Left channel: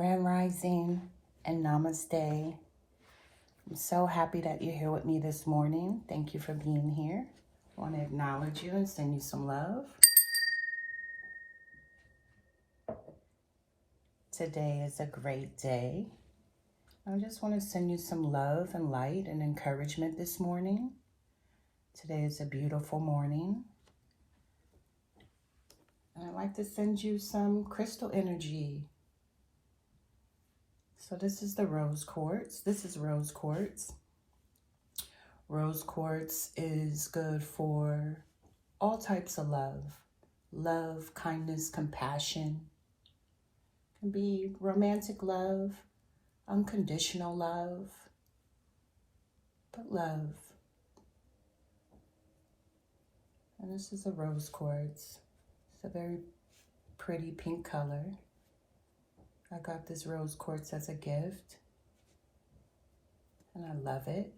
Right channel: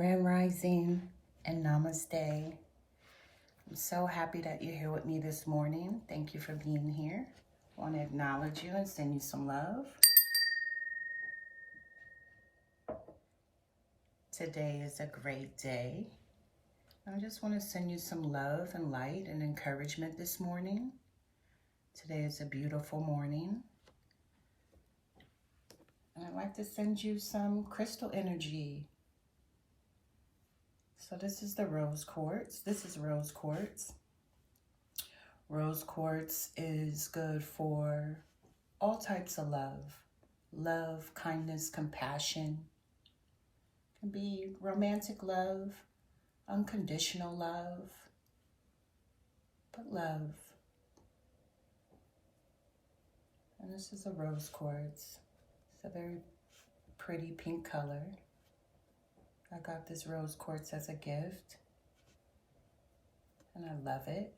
Grand Rising and Namaste. I'm so happy that you're here with me this morning. Thank you for being here. I want to acknowledge you and send you some love. Today is a great day. I just want to send you some love and light and encouragement this morning. Today is a beautiful morning. And I'd like to send you some crystal energy. So this is the rose quartz. This is rose quartz. Rose quartz is good for all types of love. Love, kindness, compassion. It can be romantic love, unconditional love, but love. And this is a rose quartz. It's a very pretty pink color. I got this rose quartz as a gift, and I love it.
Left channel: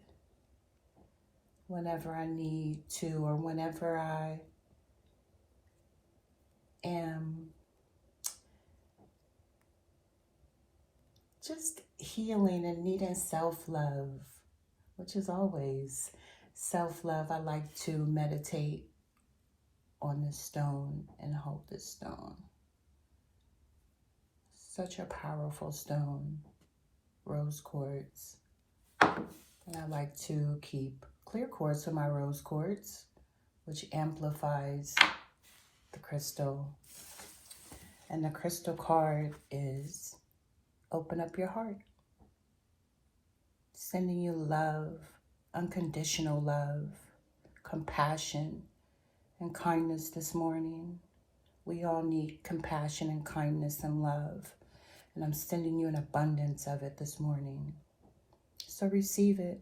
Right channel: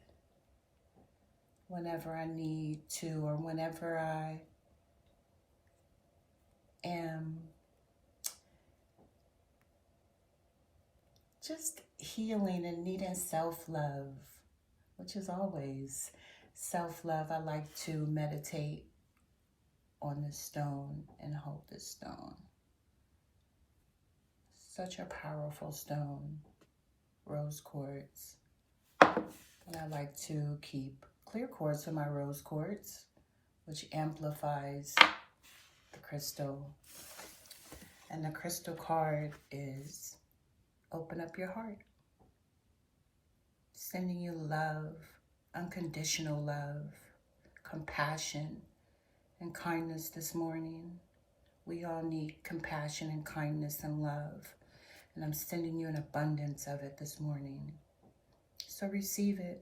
Whenever I need to, or whenever I am just healing and needing self-love, which is always self-love, I like to meditate on this stone and hold this stone. Such a powerful stone, rose quartz. And I like to keep clear quartz in my rose quartz, which amplifies the crystal. And the crystal card is open up your heart. Sending you love, unconditional love, compassion, and kindness this morning. We all need compassion and kindness and love. And I'm sending you an abundance of it this morning. So receive it.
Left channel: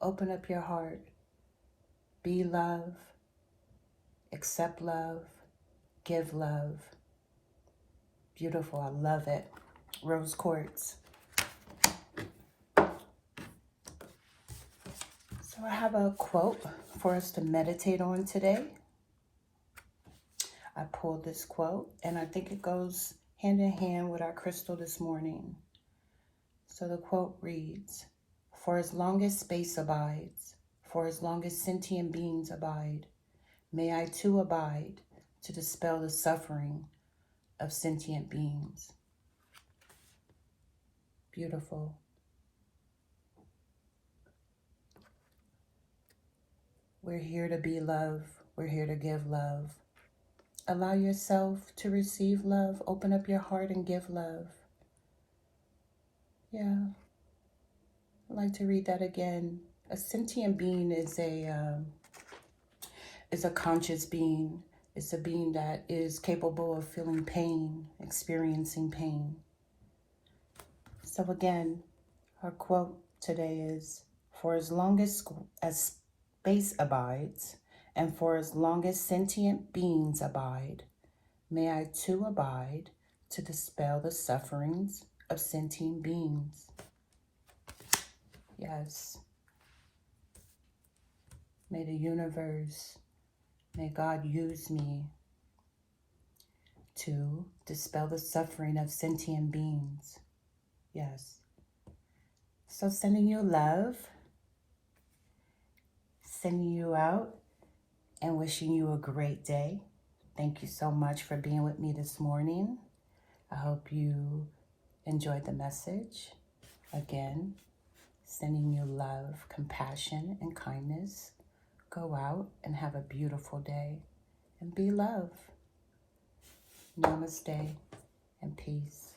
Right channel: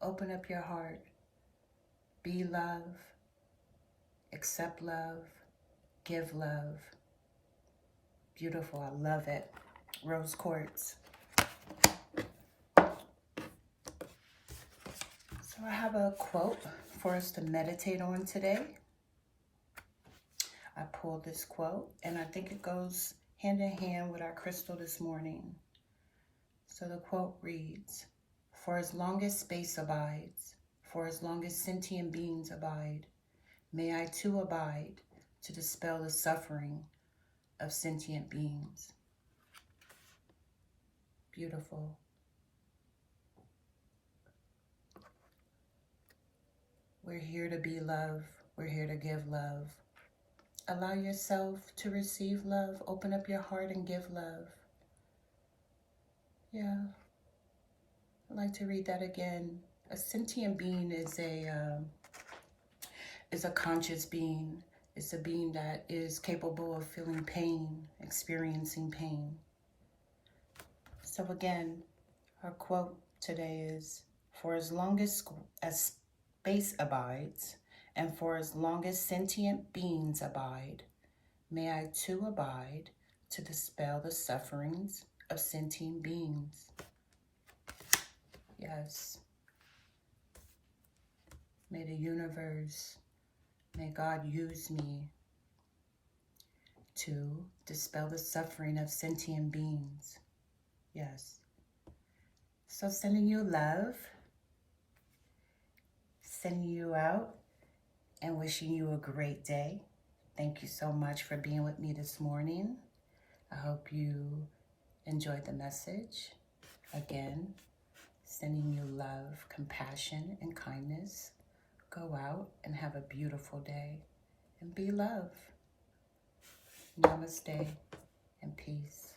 Open up your heart. Be love. Accept love. Give love. Beautiful. I love it. Rose quartz. So I have a quote for us to meditate on today. I pulled this quote, and I think it goes hand in hand with our crystal this morning. So the quote reads, "For as long as space abides, for as long as sentient beings abide, may I too abide to dispel the suffering of sentient beings." Beautiful. We're here to be love. We're here to give love. Allow yourself to receive love. Open up your heart and give love. Yeah. I'd like to read that again. A sentient being is a conscious being. It's a being that is capable of feeling pain, experiencing pain. So again, our quote today is, "For as long as space abides, and for as long as sentient beings abide, may I too abide to dispel the sufferings of sentient beings." Yes. May the universe, may God use me to dispel the suffering of sentient beings. Yes. So sending you love, sending you out, and wishing you a great day. Thank you so much for being with me this morning. I hope you enjoyed the message. Again, sending you love, compassion, and kindness. Go out and have a beautiful day and be love. Namaste and peace.